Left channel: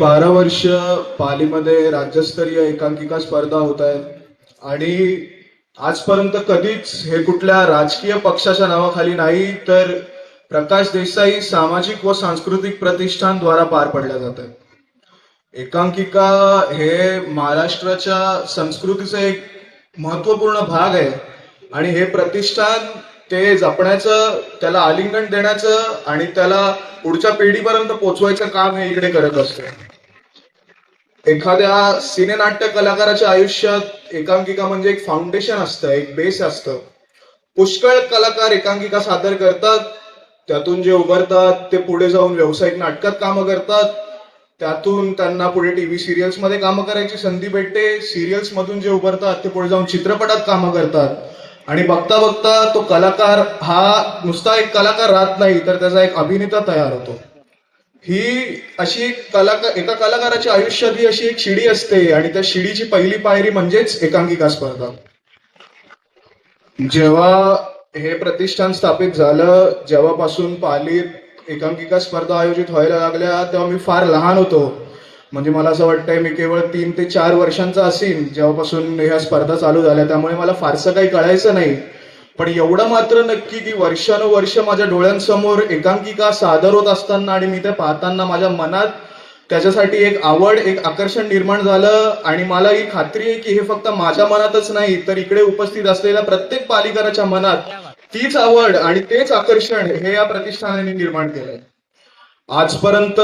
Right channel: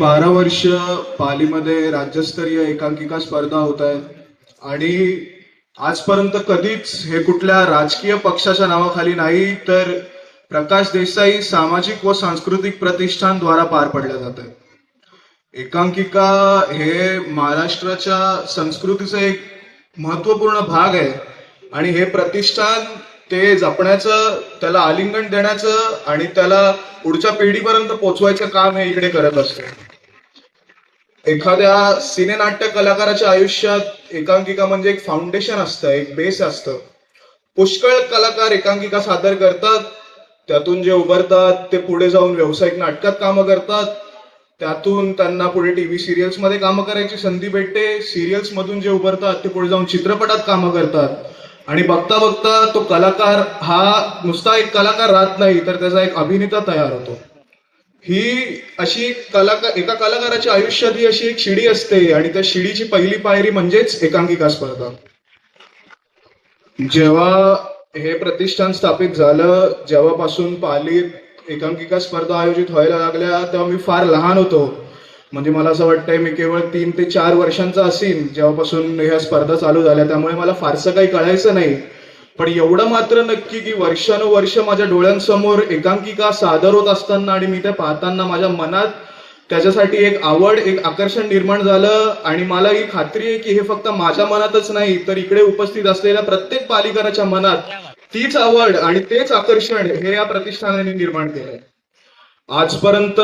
12 वर्ष पालीमध्ये राज्यस्तरीय एकांकिका स्पर्धा होत आहेत आणि आजपर्यंत कधीच हे कुठल्या राजकीय पक्षाच्या नावाखाली नाही तर प्रकाश देसाई सामाजिक व सांस्कृतिक प्रतिष्ठान द्वारा पार पडल्या जातात. एकांकिका हे महाराष्ट्राच्या संस्कृतीचा एक महत्वपूर्ण भाग आहे आणि हे प्रतिष्ठान ते जपण्याचं, त्याला आलिंगन देण्याचं आणि त्याला पुढच्या पिढीपर्यंत पोहोचवायचं काम हे इकडे करत असतं. एखाद्या सिनेनाट्य कलाकाराच्या आयुष्यात एकांकिका म्हणजे एक फाउंडेशन असतं, एक बेस असतं. पुष्कळ कलाकार एकांकिका सादर करतात, त्यातून जे उभरतात ते पुढे जाऊन व्यावसायिक नाटकात कामं करतात, त्यातून त्यांना पुढे टीव्ही सिरियल्स मध्ये कामं करायची संधी भेटते. सिरियल्स मधून जे उभरतात ते पुढे जाऊन चित्रपटात कामं करतात आणि बघता बघता तो कलाकार हा नुसता एक कलाकार राहत नाही तर त्याचा एक अभिनेता तयार होतो. ही अशी एका कलाकाराच्या आयुष्यात ही अशी एक शिडी असते आणि त्या शिडीची पहिली पायरी म्हणजेच एकांकिका स्पर्धा. जेव्हा हे प्रतिष्ठान स्थापित झालं, जेव्हापासून पालीत एकांकिका स्पर्धा आयोजित व्हायला लागल्या तेव्हा मी फार लहान होतो. म्हणजे मला असं वाटतंय मी केवळ 3 ते 4 वर्षांचा असेन जेव्हापासून ह्या स्पर्धा चालू झाल्या, त्यामुळे मला फारसं काही कळायचं नाही. पण एवढं मात्र नक्की की वर्षानुवर्ष माझ्या डोळ्यांसमोर एकांकिका सादर होत असताना आणि मी ते पाहताना माझ्या मनात त्याच्यासाठी एक आवड, एक आकर्षण निर्माण झालं आणि मला ही खात्री आहे की हे फक्त माझ्या मनातच नाही तर इकडे उपस्थित असलेल्या प्रत्येक पालीकराच्या मनात तीच आवड आणि तेच आकर्षण हे या प्रतिष्ठानाने निर्माण केलंय. आजपर्यंत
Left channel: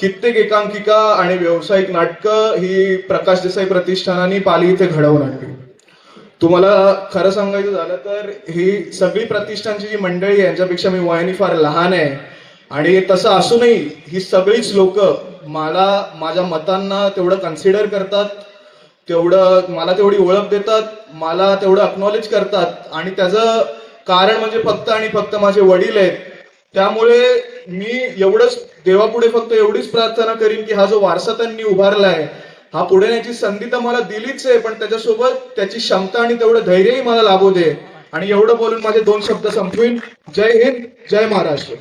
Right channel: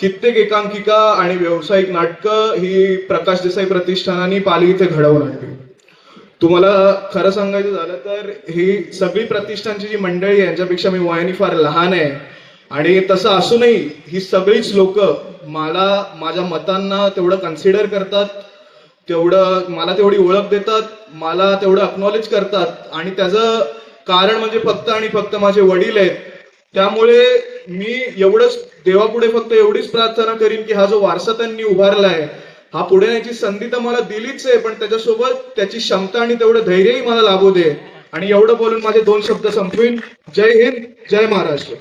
कित्येक एकांकिका आणि व्यावसायिक नाटकं ही प्रकाश देसाई प्रतिष्ठानाने पाली इथे घडवून आणली. तुम्हाला खरं सांगायचं झालं तर ही सगळी प्रतिष्ठानची जी मंडळी आहे यांच्यापेक्षा मी वयाने फार लहान आहे आणि तसं असूनही ही सगळीच लोक मला माझ्या मतांना तेवढं कन्सिडर करतात, तेवढं मला तेवढी ओळख देतात, मला तेवढं अक्नॉलेज करतात आणि त्याचं कारण म्हणजे फक्त आणि फक्त माझे वडील आहेत. त्यामुळे मी एवढंच देवापुढे फक्त एवढीच प्रार्थना करीन की हा जो वारसा त्यांनी उभारलाय हा पुढे नेण्याची संधी तर मला दिलीच आहे, पण त्याच्यासोबत त्याची क्षमता आणि तेवढं धैर्यही मला लाभू दे. आणि एवढं बोलून माझे 2 शब्द संपवीन. जय हिंद, जय महाराष्ट्र.